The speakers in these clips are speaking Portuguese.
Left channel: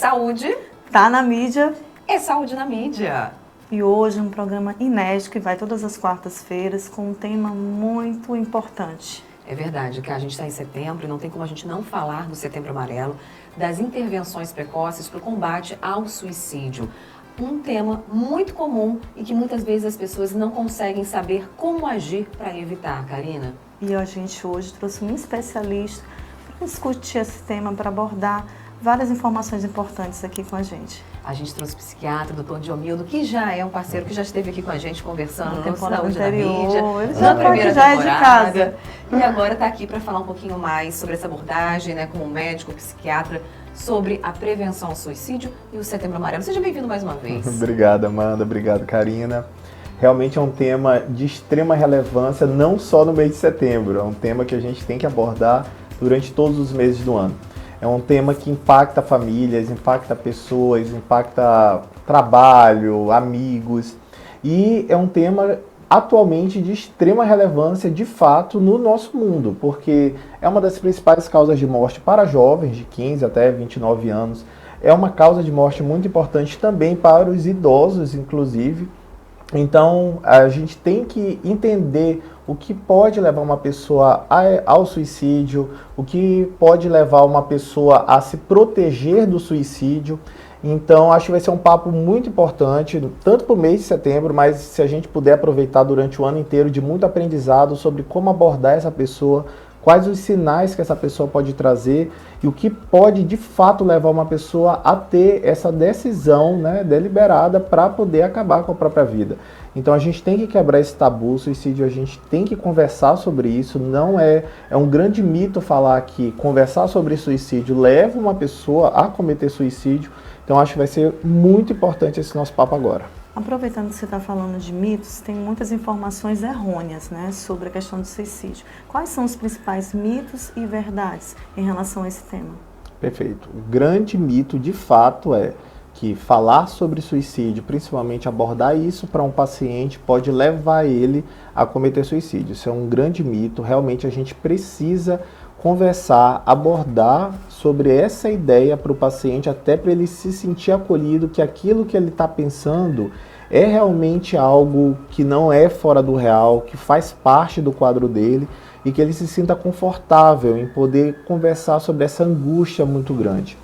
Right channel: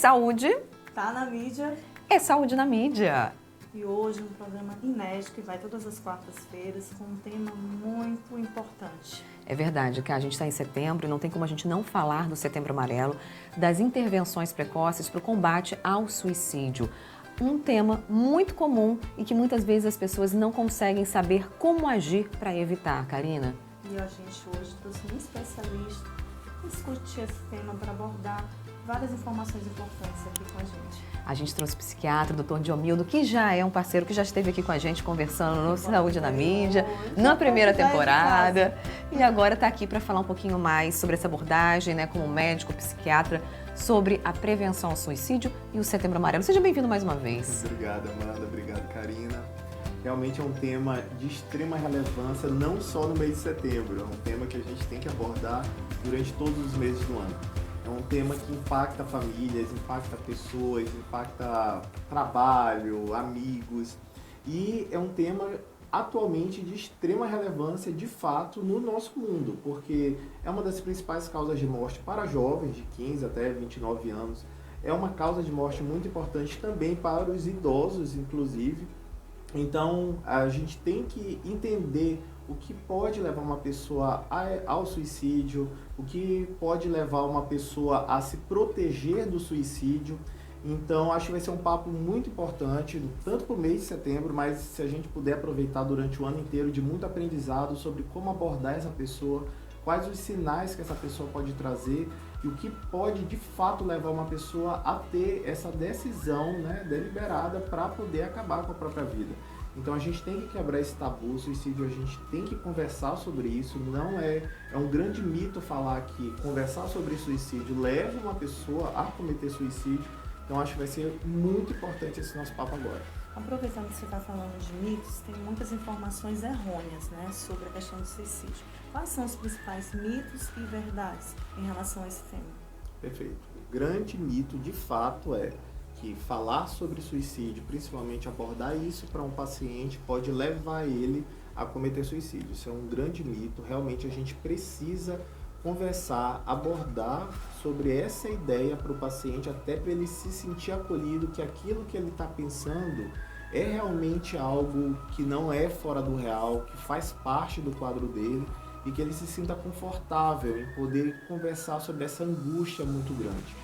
saúde. Tá na mídia. É saúde na mídia. E hoje um programa inédito que vai todas as quartas-feiras com um tema muito importante. É verdade que a gente está em setembro e não tem como a gente não falar do Setembro Amarelo, das intervenções precoces para o combate ao suicídio. Um tema muito comum e que muitas vezes as pessoas não conseguem saber como agir para evitar, Karina. E a gente hoje trouxe um especialista para discutir esse tema, para abordar várias informações importantes aqui com a gente. A gente trouxe o psiquiatra, o Dr. Diomildo, que já é um parceiro que já esteve aqui com a gente conversando no Saúde na Mídia, na primeira temporada. E agora está aqui para falar um pouquinho mais sobre essa abordagem, né, como médico, psiquiatra, sobre a prevenção ao suicídio e o Setembro Amarelo. Seja bem-vindo mais uma vez. Obrigado, Amanda. Obrigado, Karina. Realmente é um tema de extrema relevância, não só no mês de setembro. É um tema que a gente tem que abordar durante todos os meses do ano. É um tema que impacta famílias, impacta pessoas, impacta trabalho, amigos. E é um tema atualmente de extrema relevância, de fato, no nosso mundo, porque é uma das principais causas de morte para jovens de 15 até 29 anos. É uma causa de morte muito importante também para os idosos, inclusive. Então, a gente tem que entender o que pode levar uma pessoa ao suicídio, o que pode levar uma pessoa a se proteger do suicídio. Então, acho que vai ser um papo muito importante, tanto para o mês de setembro, mas se a gente puder aproveitar durante o ano inteiro de muito aprendizado sobre como abordar essa pessoa, quais os sinais que essa pessoa pode trazer e o que pode de fato levar uma pessoa a ter essa decisão, né, deliberada para poder acabar com a própria vida. Então a gente tem que quebrar esse tabu, suicídio, a gente tem que conversar sobre isso. Não é um grande mito falar que conversar sobre suicídio leva uma pessoa a cometer suicídio. Então acho que vai ser muito importante esse nosso papo agora. Aproveitando que você está falando de mitos, tem muitas informações errôneas, né, sobre a questão do suicídio. Quais são os principais mitos e verdades em relação a esse tema? Perfeito. O grande mito, de fato, é que falar sobre suicídio, principalmente abordar isso para um paciente, pode levar ele a cometer suicídio. Isso é um grande mito. Realmente a gente precisa conversar, abordar sobre essa ideia para o paciente, até para ele se sentir acolhido, que aquilo que ele está pensando é realmente algo que não é fora do real, que faz parte do quadro dele e que ele se sinta confortável em poder conversar sobre essa angústia muito grande.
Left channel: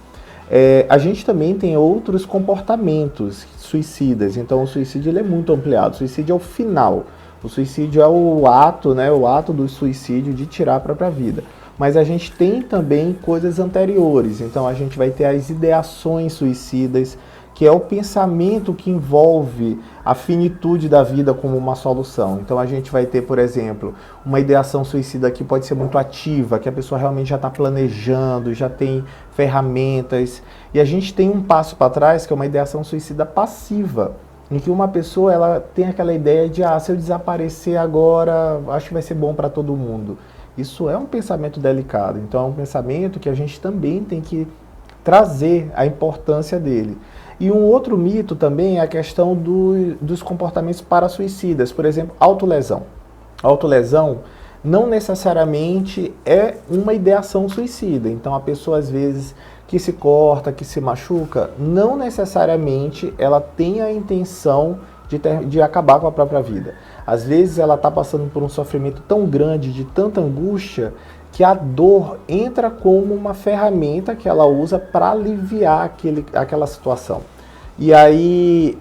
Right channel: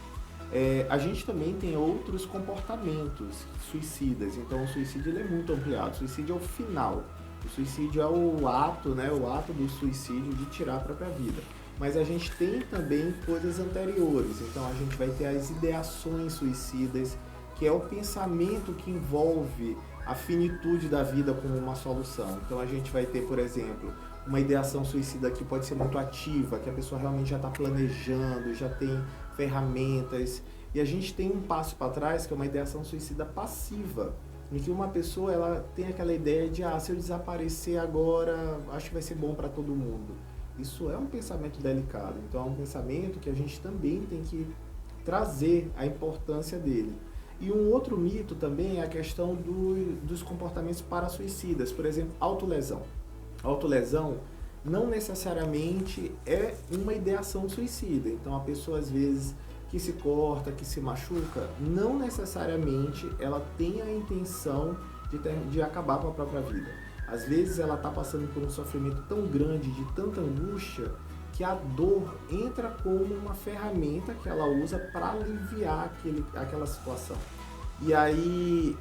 A gente também tem outros comportamentos suicidas, então o suicídio ele é muito ampliado. O suicídio é o final, o suicídio é o ato, né, o ato do suicídio de tirar a própria vida. Mas a gente tem também coisas anteriores, então a gente vai ter as ideações suicidas, que é o pensamento que envolve a finitude da vida como uma solução. Então a gente vai ter, por exemplo, uma ideação suicida que pode ser muito ativa, que a pessoa realmente já está planejando, já tem ferramentas. E a gente tem um passo para trás, que é uma ideação suicida passiva, em que uma pessoa ela tem aquela ideia de, se eu desaparecer agora, acho que vai ser bom para todo mundo. Isso é um pensamento delicado, então é um pensamento que a gente também tem que trazer a importância dele. E um outro mito também é a questão dos comportamentos para-suicidas, por exemplo, autolesão. Autolesão não necessariamente é uma ideação suicida, então a pessoa às vezes que se corta, que se machuca, não necessariamente ela tem a intenção de acabar com a própria vida. Às vezes ela está passando por um sofrimento tão grande, de tanta angústia, que a dor entra como uma ferramenta que ela usa para aliviar aquela situação. E aí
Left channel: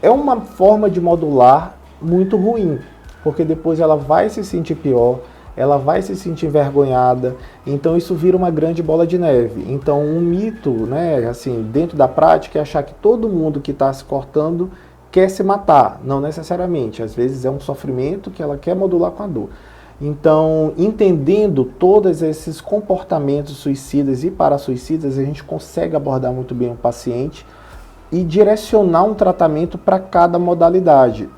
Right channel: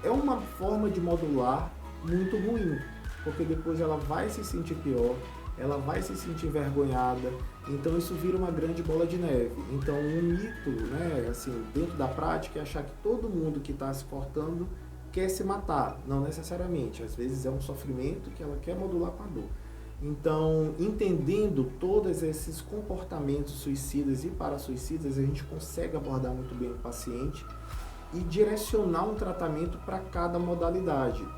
é uma forma de modular muito ruim, porque depois ela vai se sentir pior, ela vai se sentir envergonhada, então isso vira uma grande bola de neve. Então um mito, né, assim, dentro da prática é achar que todo mundo que está se cortando quer se matar, não necessariamente. Às vezes é um sofrimento que ela quer modular com a dor. Então, entendendo todos esses comportamentos suicidas e para-suicidas, a gente consegue abordar muito bem o paciente e direcionar um tratamento para cada modalidade.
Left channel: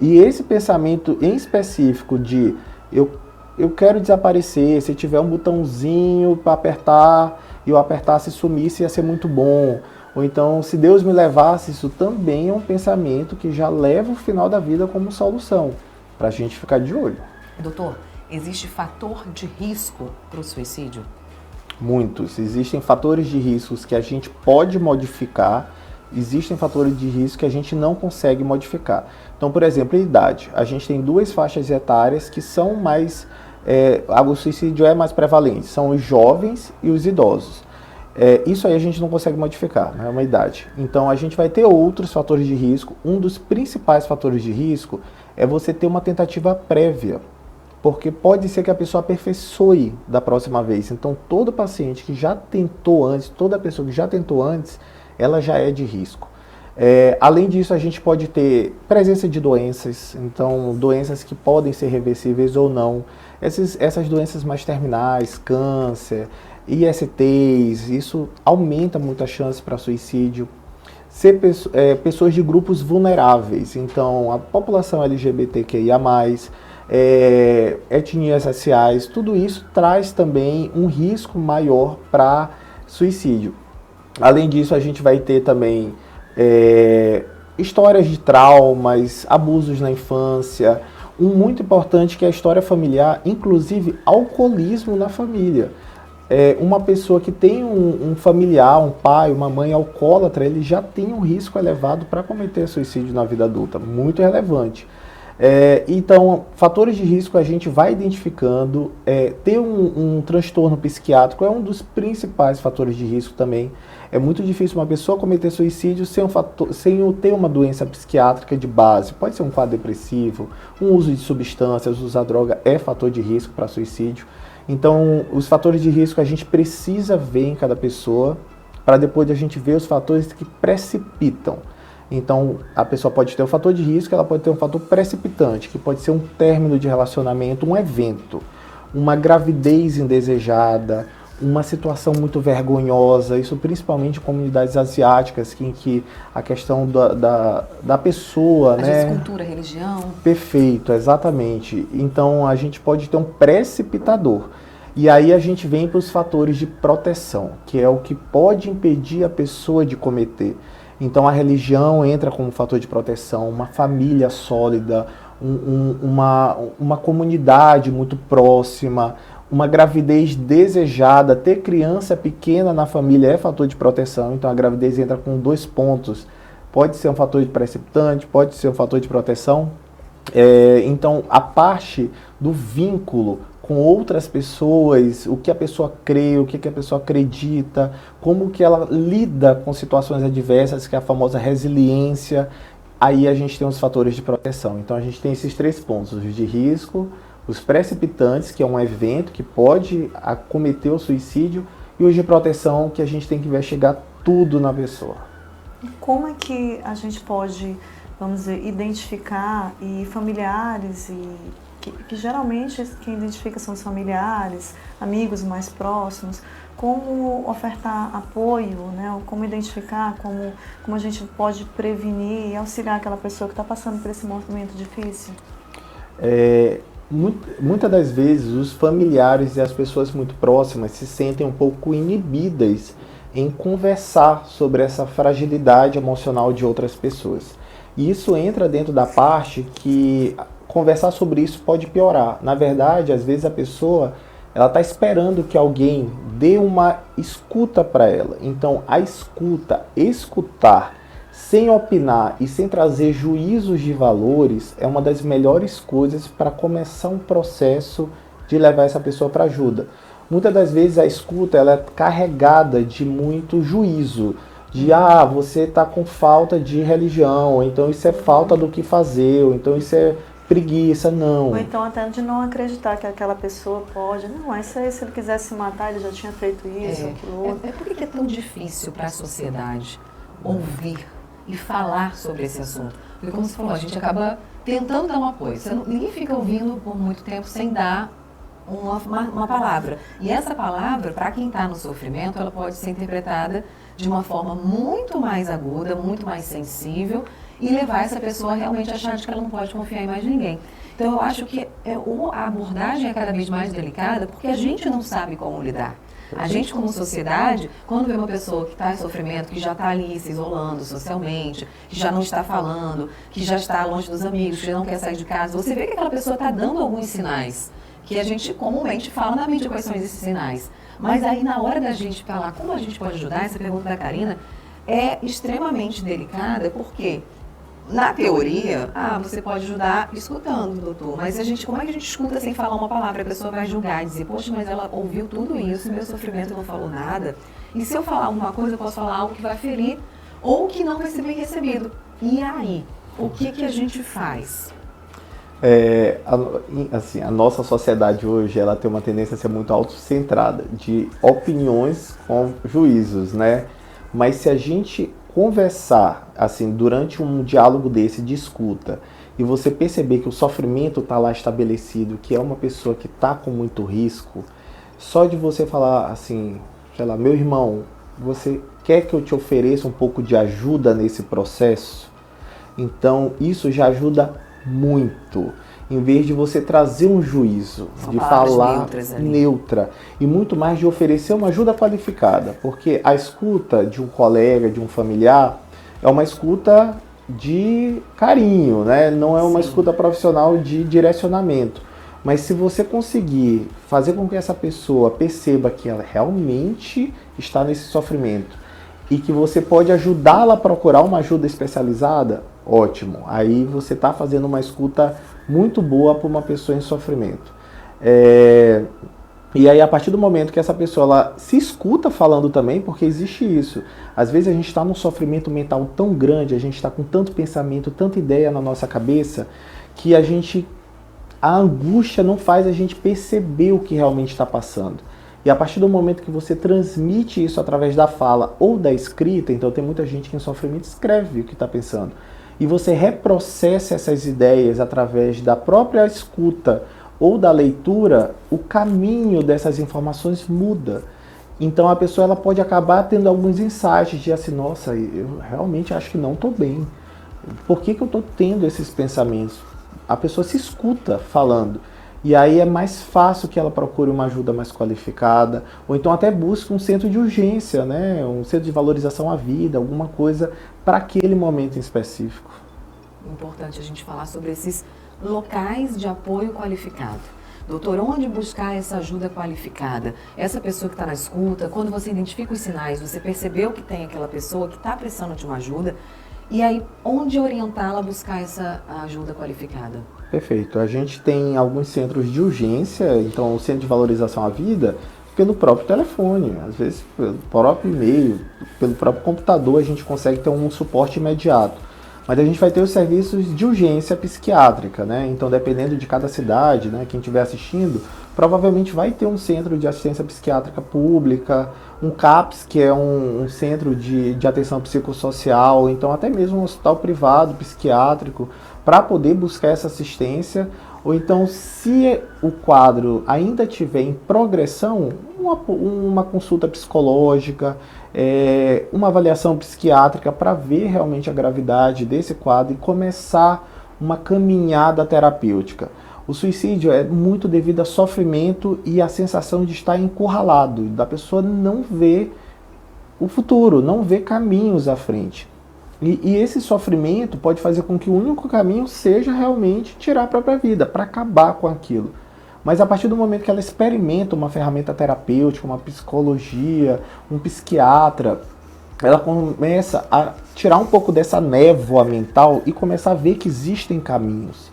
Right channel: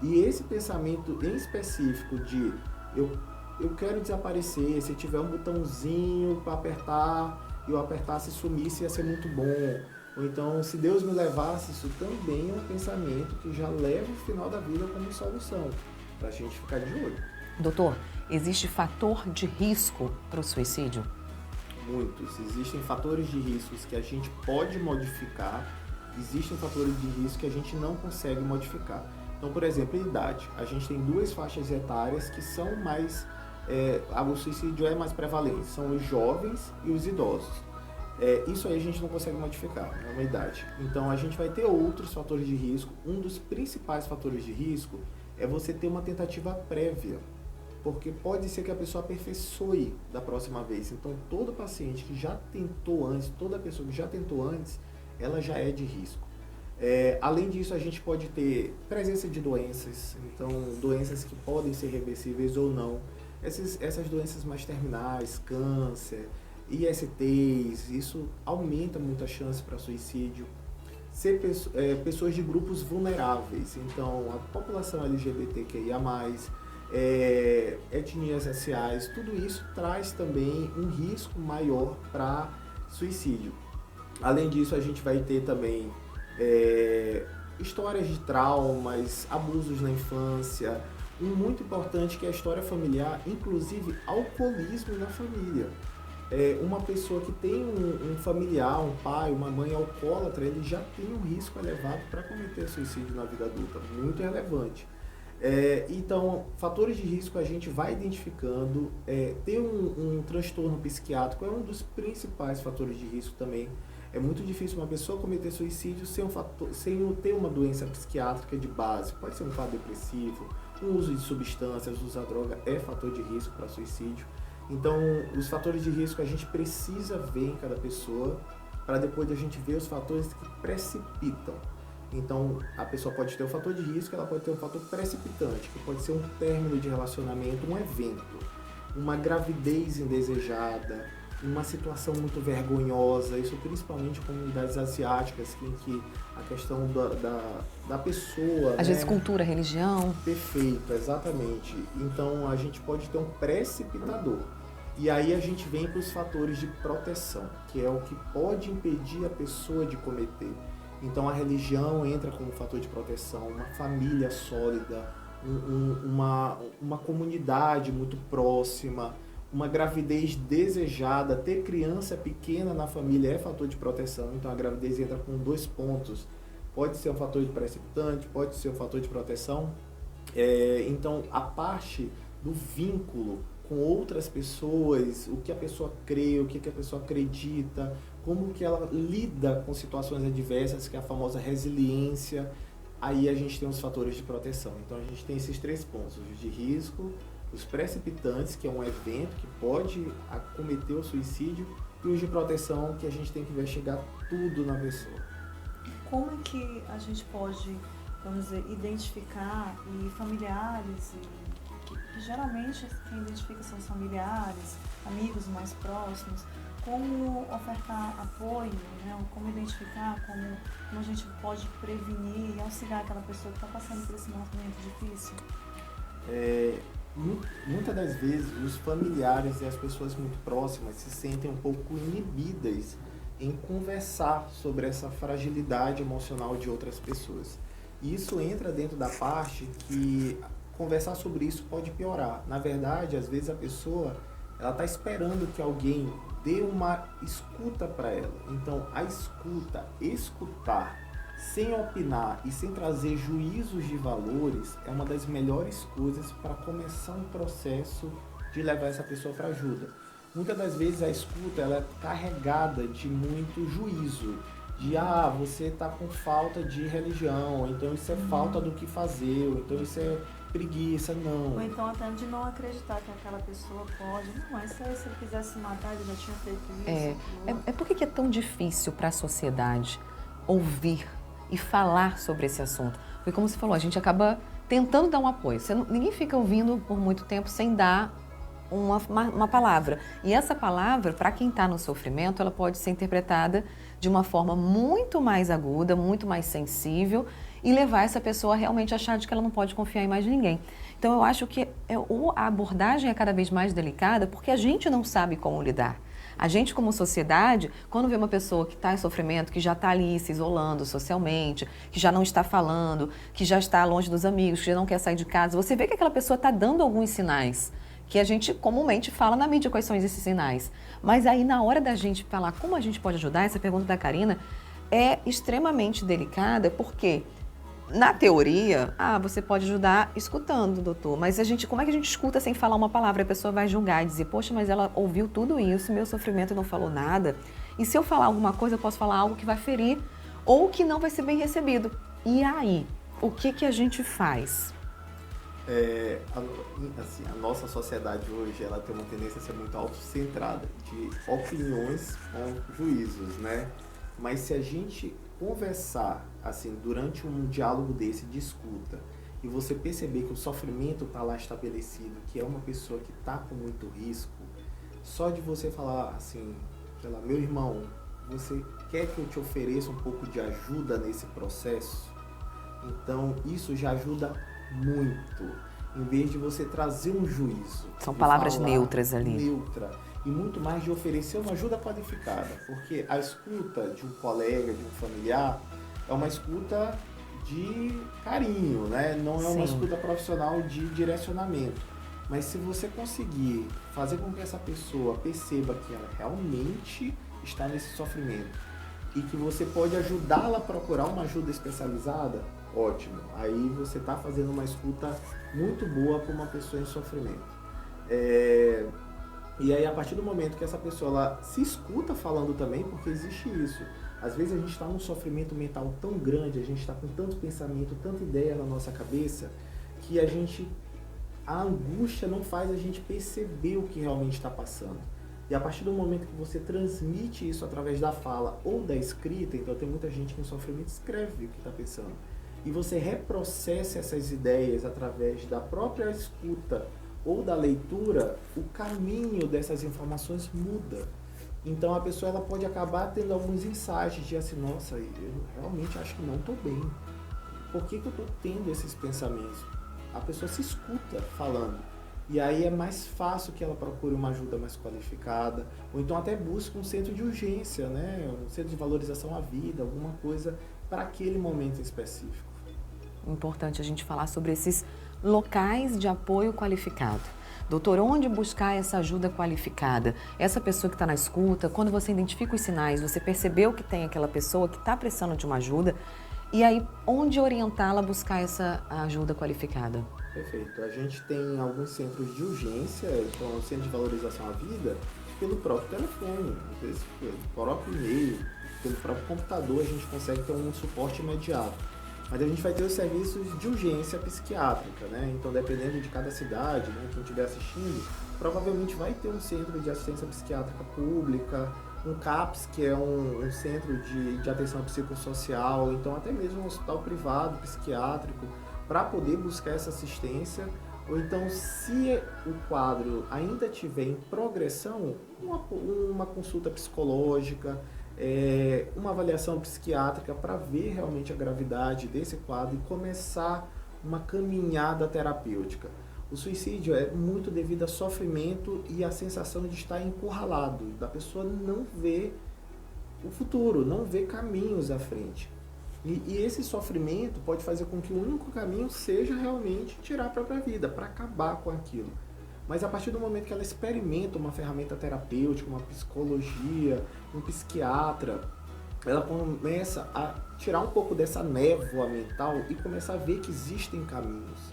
E esse pensamento em específico de eu quero desaparecer, se tiver um botãozinho para apertar, e eu apertasse e sumisse, ia ser muito bom. Ou então, se Deus me levasse, isso também é um pensamento que já leva o final da vida como solução, para a gente ficar de olho. Doutor, existe fator de risco para o suicídio? muitos. Existem fatores de riscos que a gente pode modificar, existem fatores de risco que a gente não consegue modificar. Então, por exemplo, a idade. A gente tem 2 faixas etárias que são mais... o suicídio é mais prevalente, são os jovens e os idosos. Isso aí a gente não consegue modificar, é uma idade. Então, a gente vai ter outros fatores de risco. Um dos principais fatores de risco é você ter uma tentativa prévia, porque pode ser que a pessoa aperfeiçoe da próxima vez. Então, todo paciente que já tentou antes, toda pessoa que já tentou antes, ela já é de risco. Além disso, a gente pode ter presença de doenças, então doenças que podem ser reversíveis ou não. Essas doenças mais terminais, câncer, ISTs, isso aumenta muito a chance para suicídio. Ser pessoas de grupos vulneráveis, então a população LGBTQIA+, etnias raciais, tudo isso traz também um risco maior para suicídio. Além disso, a gente vai ter também histórias de traumas, abusos na infância, um muito importante que é a história familiar, inclusive alcoolismo na família. Uma pessoa que tem um familiar, um pai, uma mãe alcoólatra, ele já tem um risco elevado para cometer suicídio na vida adulta, muito relevante. Então, fatores de risco a gente vai identificando. Ter um transtorno psiquiátrico é um dos principais fatores de risco também. É muito difícil uma pessoa cometer suicídio sem ter uma doença psiquiátrica de base. Pode ser um quadro depressivo, um uso de substâncias, usar droga é fator de risco para suicídio. Então, os fatores de risco a gente precisa ver em cada pessoa, para depois a gente ver os fatores que precipitam. Então, a pessoa pode ter um fator de risco, ela pode ter um fator precipitante, que pode ser um término de relacionamento, um evento, uma gravidez indesejada, uma situação muito vergonhosa, isso principalmente em comunidades asiáticas, em que a questão da pessoa... Às vezes cultura, religião... Perfeito, exatamente. Então, a gente pode ter um precipitador. E aí a gente vem para os fatores de proteção, que é o que pode impedir a pessoa de cometer. Então, a religião entra como fator de proteção, uma família sólida, uma comunidade muito próxima, uma gravidez desejada, ter criança pequena na família é fator de proteção. Então, a gravidez entra com 2 pontos. Pode ser um fator de precipitante, pode ser um fator de proteção. Então, a parte do vínculo com outras pessoas, o que a pessoa crê, o que a pessoa acredita, como que ela lida com situações adversas, que é a famosa resiliência, aí a gente tem os fatores de proteção. Então, a gente tem esses 3 pontos, os de risco, os precipitantes, que é um evento que pode acometer o suicídio, e os de proteção, que a gente tem que investigar tudo na pessoa. Como é que a gente pode, vamos dizer, identificar familiares, que geralmente quem identifica são os familiares, amigos mais próximos, como ofertar apoio, né? Como identificar, como a gente pode prevenir e auxiliar aquela pessoa que está passando por esse momento difícil? Muitas das vezes os familiares e as pessoas muito próximas se sentem um pouco inibidas em conversar sobre essa fragilidade emocional de outras pessoas. E isso entra dentro da parte que conversar sobre isso pode piorar. Na verdade, às vezes a pessoa ela está esperando que alguém dê uma escuta para ela. Então, a escutar, sem opinar e sem trazer juízos de valores, é uma das melhores coisas para começar um processo de levar essa pessoa para ajuda. Muitas das vezes a escuta ela é carregada de muito juízo, de você está com falta de religião, ou então isso é falta do que fazer, ou então isso é preguiça, não. Ou então até de não acreditar que aquela pessoa pode. Não, isso aí, se ele quisesse matar, ele já tinha feito isso. Por que é tão difícil para a sociedade ouvir e falar sobre esse assunto? Porque, como você falou, a gente acaba tentando dar um apoio. Ninguém fica ouvindo por muito tempo sem dar uma palavra. E essa palavra, para quem está no sofrimento, ela pode ser interpretada de uma forma muito mais aguda, muito mais sensível, e levar essa pessoa a realmente achar de que ela não pode confiar em mais ninguém. Então, eu acho que a abordagem é cada vez mais delicada, porque a gente não sabe como lidar. A gente, como sociedade, quando vê uma pessoa que está em sofrimento, que já está ali se isolando socialmente, que já não está falando, que já está longe dos amigos, que já não quer sair de casa, você vê que aquela pessoa está dando alguns sinais que a gente comumente fala na mídia quais são esses sinais. Mas aí, na hora da gente falar como a gente pode ajudar, essa pergunta da Karina é extremamente delicada, porque na teoria, você pode ajudar escutando, doutor, mas como é que a gente escuta sem falar uma palavra? A pessoa vai julgar e dizer, poxa, mas ela ouviu tudo isso, meu sofrimento não falou nada. E se eu falar alguma coisa, eu posso falar algo que vai ferir ou que não vai ser bem recebido. E aí, o que a gente faz? A nossa sociedade hoje, ela tem uma tendência a ser muito autocentrada, de opiniões com juízos, né? Mas se a gente conversar, assim, durante um diálogo desse de escuta, e você perceber que o sofrimento está lá estabelecido, que é uma pessoa que está com muito risco, só de você falar assim, sei lá, meu irmão, você quer que eu te ofereça um pouco de ajuda nesse processo? Então, isso já ajuda muito. Em vez de você trazer um juízo, são de palavras falar neutras ali. neutra, e muito mais de oferecer uma ajuda qualificada, porque a escuta de um colega, de um familiar, é uma escuta de carinho, né? Não é uma escuta profissional de direcionamento. Mas se você conseguir fazer com que essa pessoa perceba que ela realmente está nesse sofrimento e que você pode ajudá-la a procurar uma ajuda especializada, ótimo. Aí você está fazendo uma escuta muito boa para uma pessoa em sofrimento. E aí, a partir do momento que essa pessoa ela se escuta falando também, porque existe isso. Às vezes a gente está num sofrimento mental tão grande, a gente está com tanto pensamento, tanta ideia na nossa cabeça, que a angústia não faz a gente perceber o que realmente está passando. E a partir do momento que você transmite isso através da fala ou da escrita, então tem muita gente que em sofrimento escreve o que está pensando, e você reprocessa essas ideias através da própria escuta ou da leitura, o caminho dessas informações muda. Então a pessoa ela pode acabar tendo alguns insights de assim, nossa, eu realmente acho que não estou bem. Por que eu estou tendo esses pensamentos? A pessoa se escuta falando. E aí é mais fácil que ela procure uma ajuda mais qualificada, ou então até busque um centro de urgência, né? Um centro de valorização à vida, alguma coisa para aquele momento em específico. Importante a gente falar sobre esses locais de apoio qualificado. Doutor, onde buscar essa ajuda qualificada? Essa pessoa que está na escuta, quando você identifica os sinais, você percebeu que tem aquela pessoa que está precisando de uma ajuda, e aí onde orientá-la a buscar essa ajuda qualificada? Perfeito. A gente tem alguns centros de urgência, então o centro de valorização à vida, pelo próprio telefone, às vezes pelo próprio e-mail, pelo próprio computador a gente consegue ter um suporte imediato. Mas a gente vai ter os serviços de urgência psiquiátrica, né? Então, dependendo de cada cidade, né, quem estiver assistindo, provavelmente vai ter um centro de assistência psiquiátrica pública, um CAPS, que é um centro de atenção psicossocial, então até mesmo um hospital privado psiquiátrico, para poder buscar essa assistência. Ou então, se o quadro ainda estiver em progressão, uma consulta psicológica, uma avaliação psiquiátrica para ver realmente a gravidade desse quadro e começar uma caminhada terapêutica. O suicídio é muito devido a sofrimento e a sensação de estar encurralado, da pessoa não ver o futuro, não ver caminhos à frente. E esse sofrimento pode fazer com que o único caminho seja realmente tirar a própria vida, para acabar com aquilo. Mas a partir do momento que ela experimenta uma ferramenta terapêutica, uma psicologia, um psiquiatra, ela começa a tirar um pouco dessa névoa mental e começar a ver que existem caminhos.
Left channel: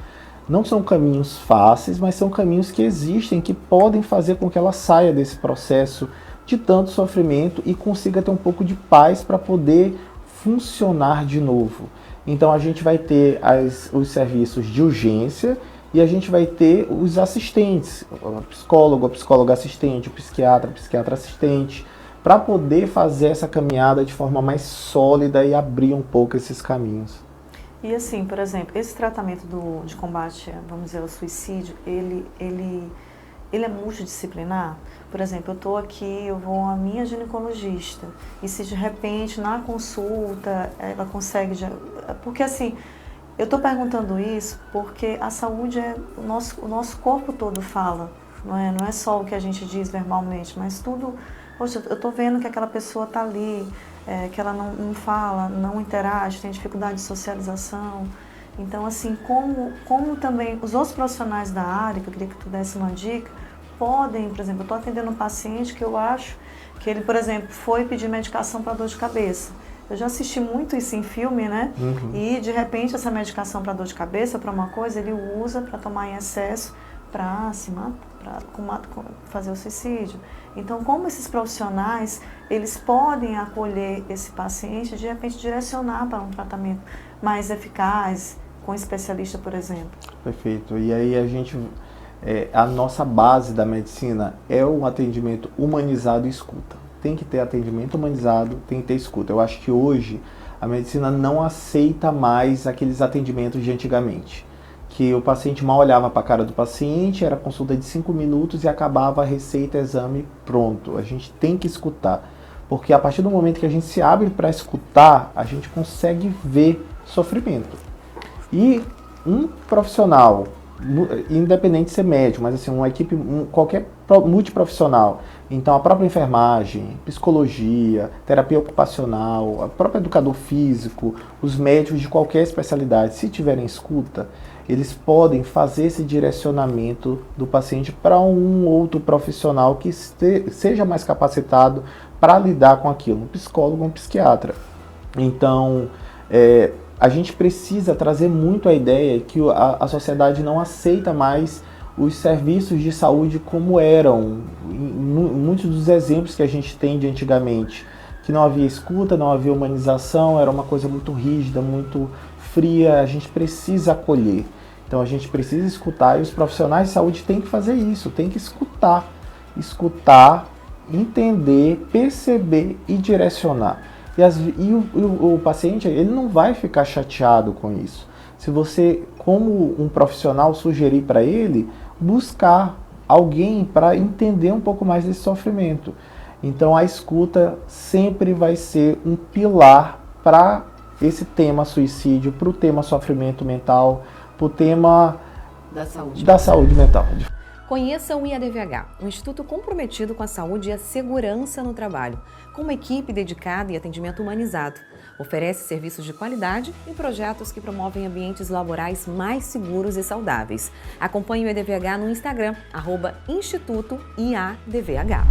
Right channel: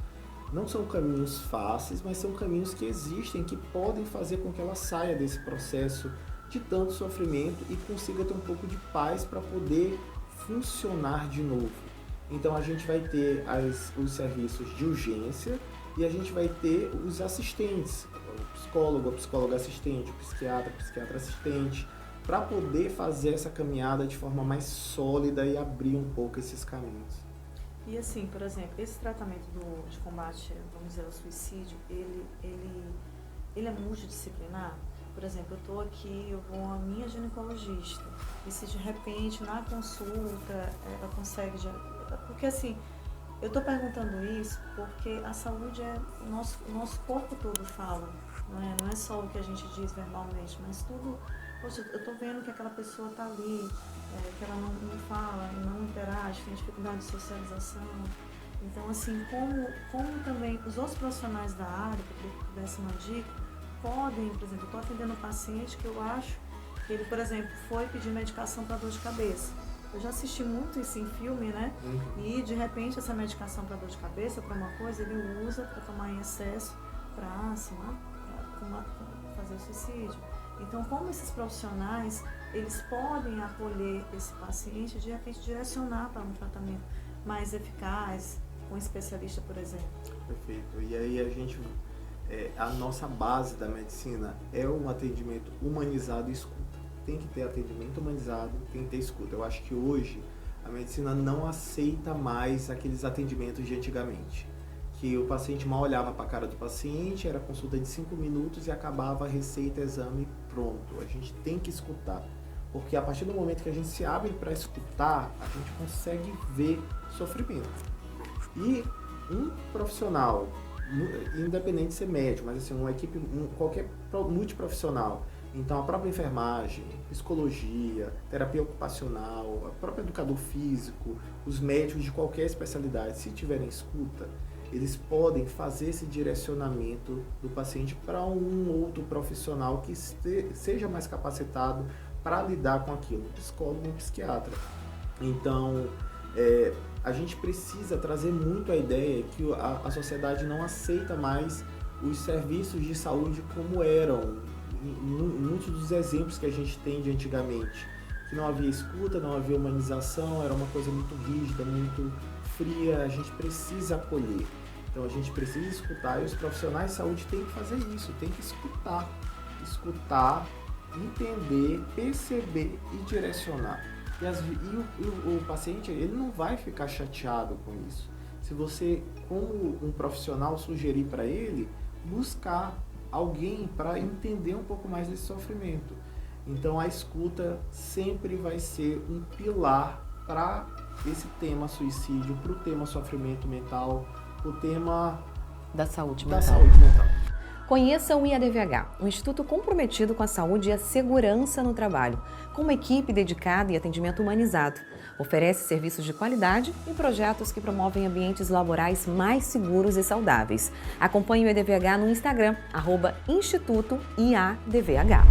Não são caminhos fáceis, mas são caminhos que existem, que podem fazer com que ela saia desse processo de tanto sofrimento e consiga ter um pouco de paz para poder funcionar de novo. Então a gente vai ter os serviços de urgência e a gente vai ter os assistentes, o psicólogo, a psicóloga assistente, o psiquiatra assistente, para poder fazer essa caminhada de forma mais sólida e abrir um pouco esses caminhos. E assim, por exemplo, esse tratamento de combate, vamos dizer, ao suicídio, ele é multidisciplinar? Por exemplo, eu estou aqui, eu vou à minha ginecologista, e se de repente na consulta ela consegue... Porque assim, eu estou perguntando isso porque a saúde o nosso corpo todo fala, não é só o que a gente diz verbalmente, mas tudo... Poxa, eu estou vendo que aquela pessoa está ali, que ela não fala, não interage, tem dificuldade de socialização. Então, assim, como também os outros profissionais da área, que eu queria que tu desse uma dica, podem, por exemplo, eu estou atendendo um paciente que eu acho que ele, por exemplo, foi pedir medicação para dor de cabeça. Eu já assisti muito isso em filme, né? E, de repente, essa medicação para dor de cabeça, para uma coisa, ele usa para tomar em excesso, para fazer o suicídio. Então, como esses profissionais, eles podem acolher esse paciente, de repente, direcionar para um tratamento mais eficaz, com um especialista, por exemplo. Perfeito. E aí a nossa base da medicina é um atendimento humanizado e escuta. Tem que ter atendimento humanizado, tem que ter escuta. Eu acho que hoje a medicina não aceita mais aqueles atendimentos de antigamente. Que o paciente mal olhava para a cara do paciente, era consulta de 5 minutos e acabava a receita, exame, pronto. A gente tem que escutar. Porque a partir do momento que a gente se abre para escutar, a gente consegue ver sofrimento. E um profissional, independente de ser médico, mas assim, uma equipe, qualquer multiprofissional, então a própria enfermagem, psicologia, terapia ocupacional, o próprio educador físico, os médicos de qualquer especialidade, se tiverem escuta, eles podem fazer esse direcionamento do paciente para um outro profissional que seja mais capacitado para lidar com aquilo, um psicólogo ou um psiquiatra. Então, a gente precisa trazer muito a ideia que a sociedade não aceita mais os serviços de saúde como eram, muitos dos exemplos que a gente tem de antigamente, que não havia escuta, não havia humanização, era uma coisa muito rígida, muito fria. A gente precisa acolher, então a gente precisa escutar, e os profissionais de saúde têm que fazer isso, têm que escutar, entender, perceber e direcionar. E o paciente, ele não vai ficar chateado com isso. Se você, como um profissional, sugerir para ele buscar alguém para entender um pouco mais desse sofrimento. Então a escuta sempre vai ser um pilar para esse tema suicídio, para o tema sofrimento mental, para o tema da saúde mental. Conheça o IADVH, um instituto comprometido com a saúde e a segurança no trabalho, com uma equipe dedicada e atendimento humanizado. Oferece serviços de qualidade e projetos que promovem ambientes laborais mais seguros e saudáveis. Acompanhe o IADVH no Instagram, @Instituto IADVH.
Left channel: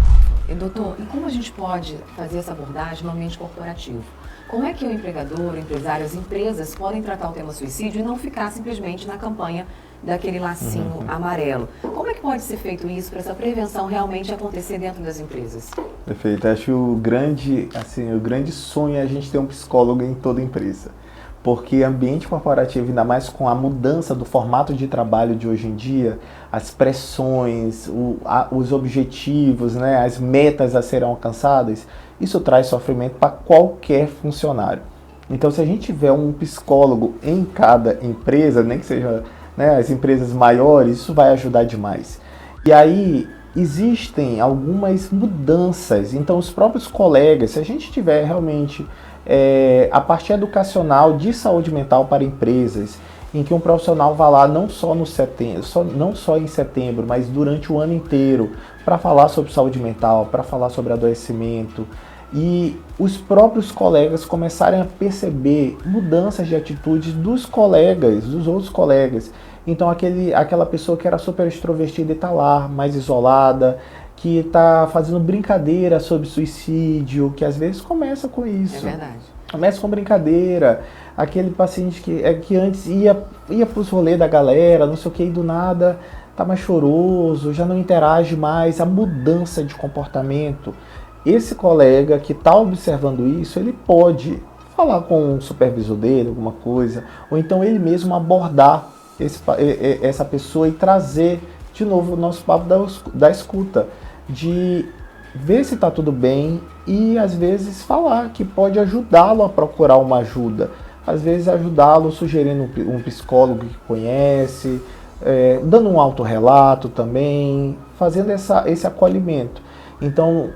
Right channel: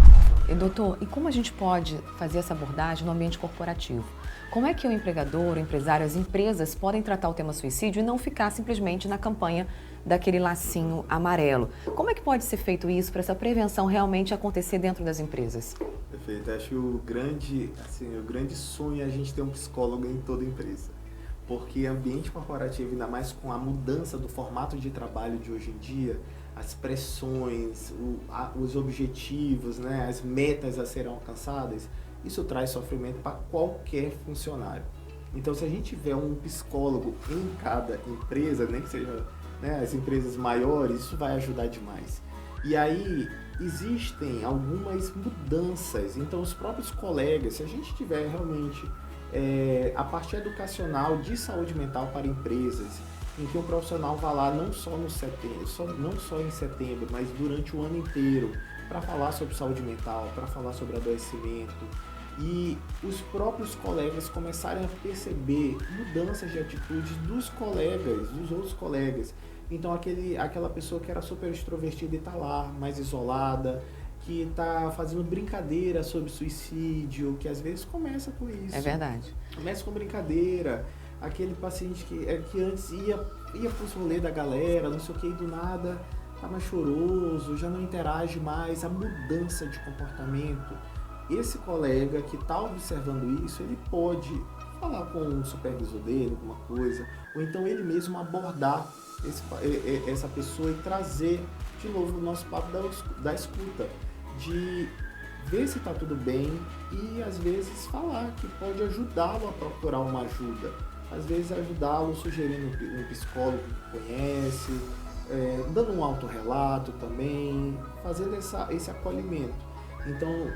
E doutor, e como a gente pode fazer essa abordagem no ambiente corporativo? Como é que o empregador, o empresário, as empresas podem tratar o tema suicídio e não ficar simplesmente na campanha daquele lacinho amarelo? Como é que pode ser feito isso para essa prevenção realmente acontecer dentro das empresas? Perfeito. Acho que o grande sonho é a gente ter um psicólogo em toda empresa. Porque ambiente corporativo, ainda mais com a mudança do formato de trabalho de hoje em dia, as pressões, os objetivos, né, as metas a serem alcançadas, isso traz sofrimento para qualquer funcionário. Então, se a gente tiver um psicólogo em cada empresa, nem que seja, né, as empresas maiores, isso vai ajudar demais. E aí, existem algumas mudanças. Então, os próprios colegas, se a gente tiver realmente a parte educacional de saúde mental para empresas, em que um profissional vá lá não só em setembro, mas durante o ano inteiro, para falar sobre saúde mental, para falar sobre adoecimento, e os próprios colegas começarem a perceber mudanças de atitudes dos colegas, dos outros colegas. Então aquela pessoa que era super extrovertida e está lá, mais isolada, que está fazendo brincadeira sobre suicídio, que às vezes começa com isso. É verdade. Começa com brincadeira. Aquele paciente que antes ia para os rolês da galera, não sei o que, e do nada está mais choroso, já não interage mais, a mudança de comportamento. Esse colega que está observando isso, ele pode falar com o supervisor dele, alguma coisa, ou então ele mesmo abordar essa pessoa e trazer de novo o nosso papo da escuta, de ver se está tudo bem e às vezes falar que pode ajudá-lo a procurar uma ajuda, às vezes ajudá-lo sugerindo um psicólogo que conhece, dando um autorrelato também, fazendo esse acolhimento. Então,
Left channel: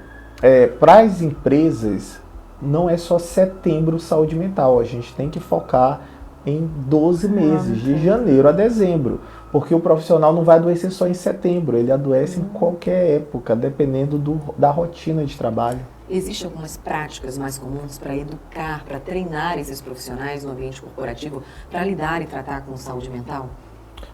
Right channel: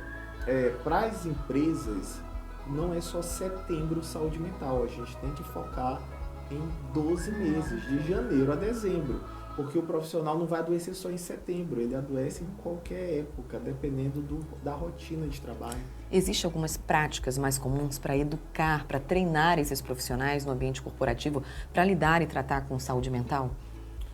para as empresas, não é só setembro saúde mental, a gente tem que focar em 12 meses, de janeiro a dezembro, porque o profissional não vai adoecer só em setembro, ele adoece em qualquer época, dependendo da rotina de trabalho. Existem algumas práticas mais comuns para educar, para treinar esses profissionais no ambiente corporativo para lidar e tratar com saúde mental?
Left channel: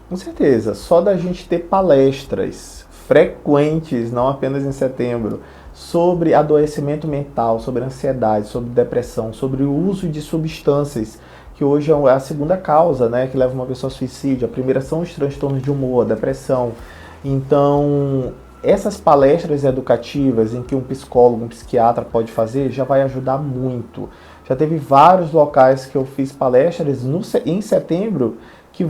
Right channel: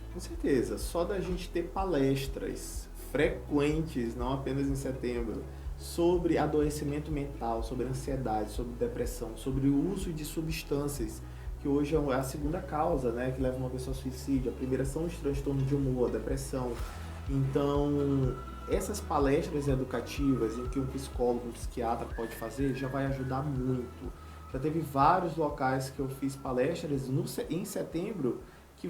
Com certeza. Só da gente ter palestras frequentes, não apenas em setembro, sobre adoecimento mental, sobre ansiedade, sobre depressão, sobre o uso de substâncias, que hoje é a segunda causa, né, que leva uma pessoa ao suicídio. A primeira são os transtornos de humor, a depressão. Então, essas palestras educativas em que um psicólogo, um psiquiatra pode fazer, já vai ajudar muito. Já teve vários locais que eu fiz palestras em setembro, que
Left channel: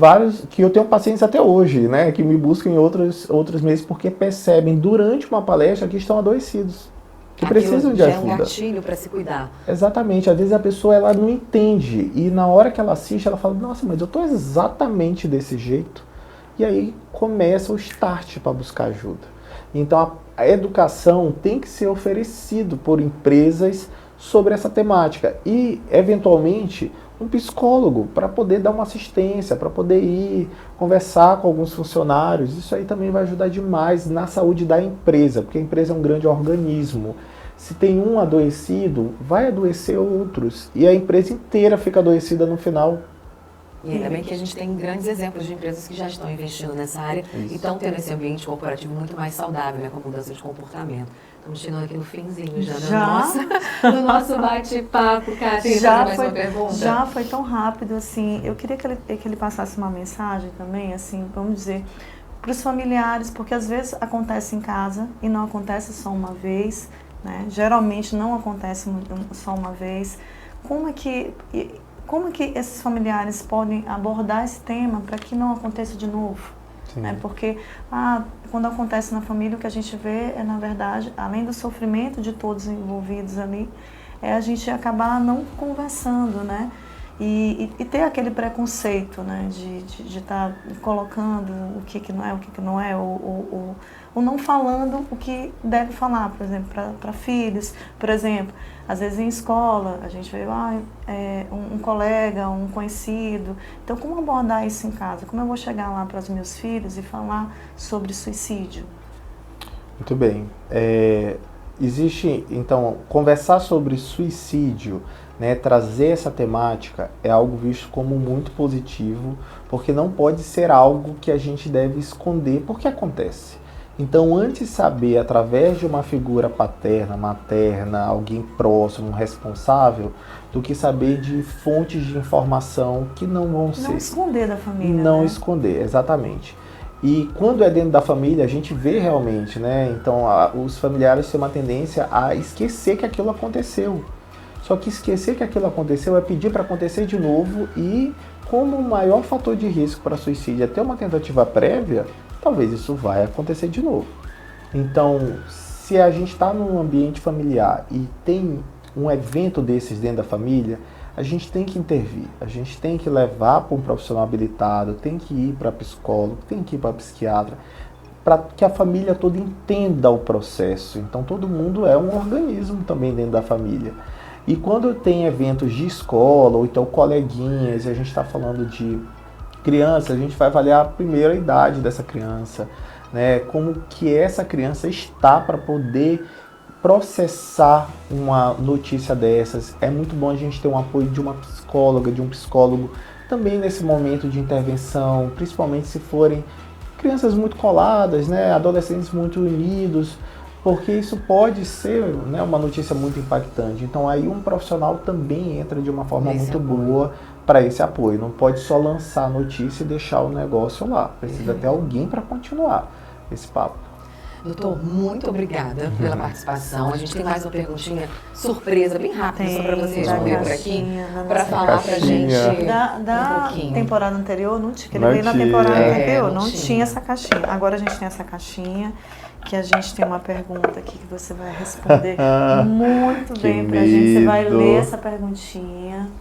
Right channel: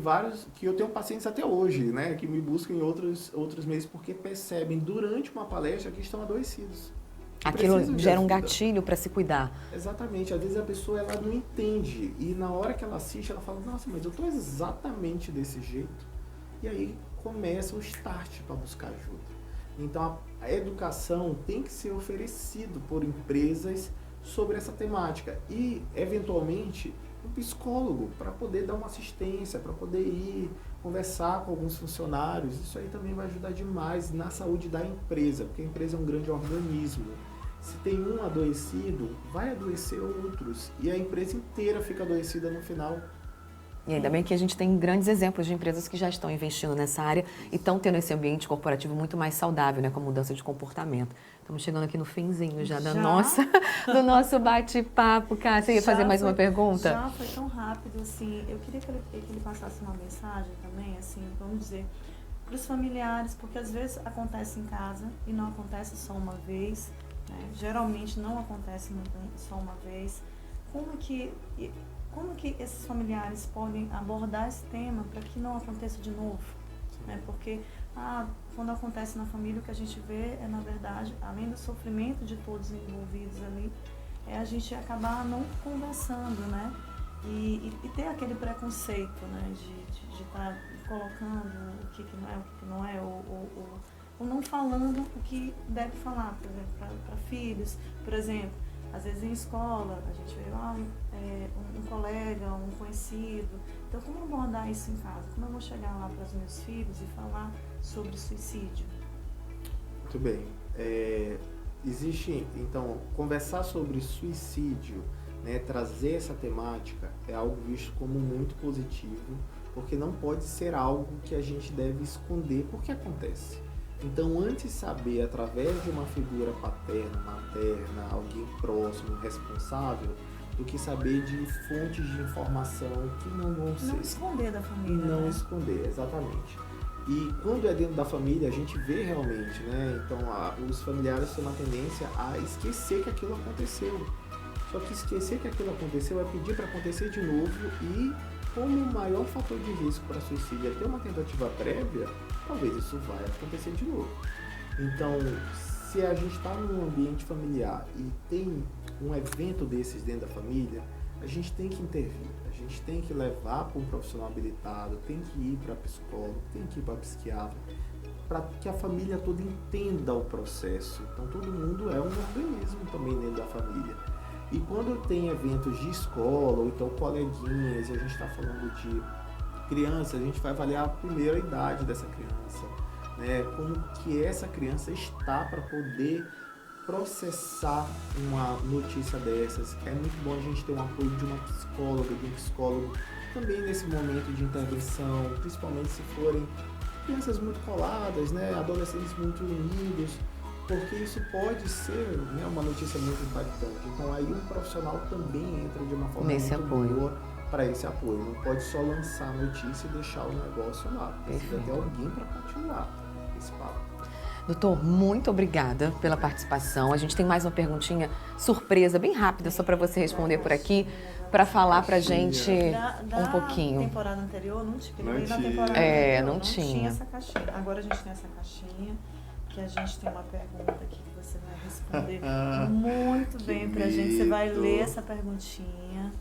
eu tenho pacientes até hoje, né, que me buscam em outros meses porque percebem durante uma palestra que estão adoecidos, que precisam de gera ajuda. Um gatilho para se cuidar. Exatamente. Às vezes a pessoa ela não entende e na hora que ela assiste ela fala, nossa, mas eu estou exatamente desse jeito. E aí começa o start para buscar ajuda. Então a educação tem que ser oferecido por empresas sobre essa temática e, eventualmente, um psicólogo para poder dar uma assistência, para poder ir conversar com alguns funcionários. Isso aí também vai ajudar demais na saúde da empresa, porque a empresa é um grande organismo. Se tem um adoecido, vai adoecer outros e a empresa inteira fica adoecida no final. E ainda bem que a gente tem grandes exemplos de empresas que já estão investindo nessa área e estão tendo esse ambiente corporativo muito mais saudável, né, com mudança de comportamento. Estamos chegando aqui no finzinho já do nosso bate-papo. Kátia, quer fazer mais uma pergunta? Já foi tão rápido, assim. Eu queria que ele passasse uma mensagem também, assim, vamos dizer, para os familiares, porque às vezes acontece em casa e não acontece só uma vez, né? Geralmente não acontece só uma vez. Como é que esses familiares podem abordar esse tema para que não aconteça de novo? Né? Porque quando acontece na família, o que a gente vê é, na verdade, além do sofrimento de todos envolvidos ali, é a gente acabar não conversando, né? E ter aquele preconceito, né? De estar colocando o que não é, o que não é, ou não falando o que deve falar, por exemplo, para filhos, por exemplo. Às vezes em escola, a gente vê um colega, um conhecido. Então, como abordar isso em casa? Como eu vou chegar lá para os meus filhos e falar sobre suicídio? Muito bem. Existe, então, conversar sobre suicídio, né, trazer essa temática é algo visto como muito positivo, porque não pode ser algo que a gente deve esconder, porque acontece. Então, antes saber, através de uma figura paterna, materna, alguém próximo, responsável, do que saber de fontes de informação que não vão ser... Não esconder da família. Não né? esconder, exatamente. E quando é dentro da família, a gente vê realmente, né? Então, os familiares têm uma tendência a esquecer que aquilo aconteceu. Só que esquecer que aquilo aconteceu é pedir para acontecer de novo e, como o maior fator de risco para suicídio é ter uma tentativa prévia, talvez isso vai acontecer de novo. Então, se a gente está num ambiente familiar e tem um evento desses dentro da família, a gente tem que intervir, a gente tem que levar para um profissional habilitado, tem que ir para psicólogo, tem que ir para psiquiatra, para que a família toda entenda o processo. Então, todo mundo é um organismo também dentro da família. E quando tem eventos de escola, ou então coleguinhas, e a gente está falando de criança, a gente vai avaliar a primeira idade dessa criança, né? Como que essa criança está para poder processar uma notícia dessas. É muito bom a gente ter um apoio de uma psicóloga, de um psicólogo, também nesse momento de intervenção, principalmente se forem crianças muito coladas, né? Adolescentes muito unidos, porque isso pode ser, né, uma notícia muito impactante. Então aí um profissional também entra de uma forma muito boa para esse apoio. Não pode só lançar a notícia e deixar o negócio lá. Precisa ter alguém para continuar esse papo. Doutor, muito obrigada pela participação. A gente tem mais uma perguntinha surpresa, bem rápida, só para você responder por aqui, para falar para a gente um pouquinho. Da temporada anterior, não tinha. Ele veio na temporada anterior, não tinha essa caixinha. Agora a gente tem essa caixinha, que a gente tem uma pergunta aqui que você vai responder muito bem pra gente. Você vai ler essa perguntinha.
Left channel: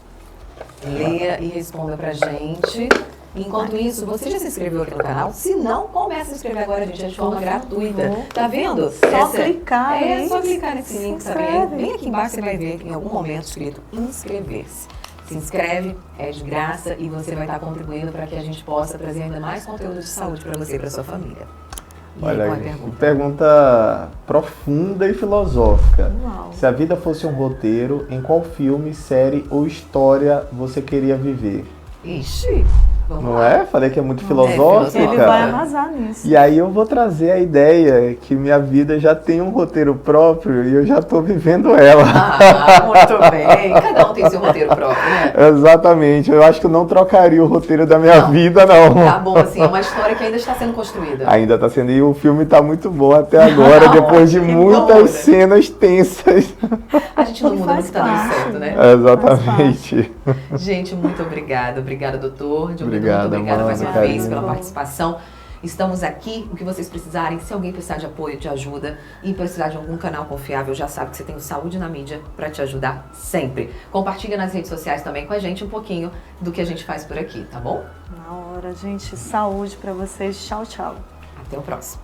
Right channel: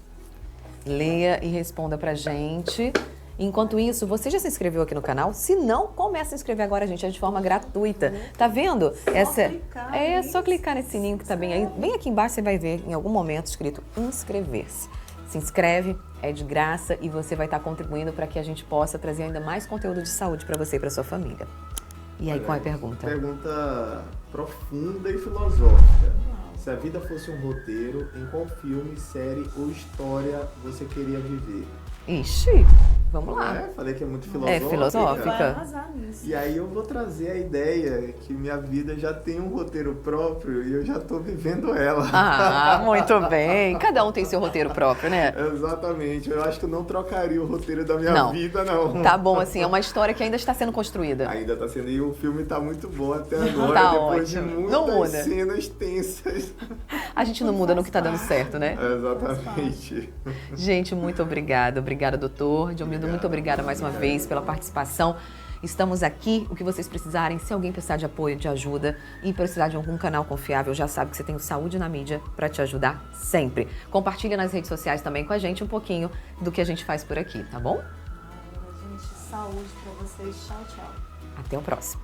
Leia e responda pra gente. Enquanto isso, você já se inscreveu aqui no canal? Se não, comece a se inscrever agora, gente, é de forma gratuita. Tá vendo? Clicar. Só clicar nesse link, sabe? Bem aqui embaixo você vai ver em algum momento escrito inscrever-se. Se inscreve, é de graça e você vai estar contribuindo para que a gente possa trazer ainda mais conteúdo de saúde para você e para sua família. E aí, qual é a pergunta? Pergunta profunda e filosófica. Uau. Se a vida fosse um roteiro, em qual filme, série ou história você queria viver? Ixi, vamos Não lá. é? Falei que é muito filosófica. filosófica. Ele vai arrasar nisso. E aí eu vou trazer a ideia que minha vida já tem um roteiro próprio e eu já estou vivendo ela. Ah, muito bem. Cada um tem seu roteiro próprio, né? Exatamente. Eu acho que eu não trocaria o roteiro da minha Não. vida, não. Tá bom, assim, é uma história que ainda está sendo construída. Ainda está sendo. E o filme está muito bom até agora, Tá depois de ótimo. muitas Não muda. cenas tensas. A gente não muda no que está dando certo, né? Exatamente. Gente, muito obrigada. Obrigada, doutor. Muito obrigada mais uma Amanda, vez pela participação. Estamos aqui, o que vocês precisarem. Se alguém precisar de apoio, de ajuda e precisar de algum canal confiável, já sabe que você tem o Saúde na Mídia para te ajudar sempre. Compartilha nas redes sociais também com a gente um pouquinho do que a gente faz por aqui, tá bom? Na hora, gente. Saúde pra vocês. Tchau, tchau. Até o próximo.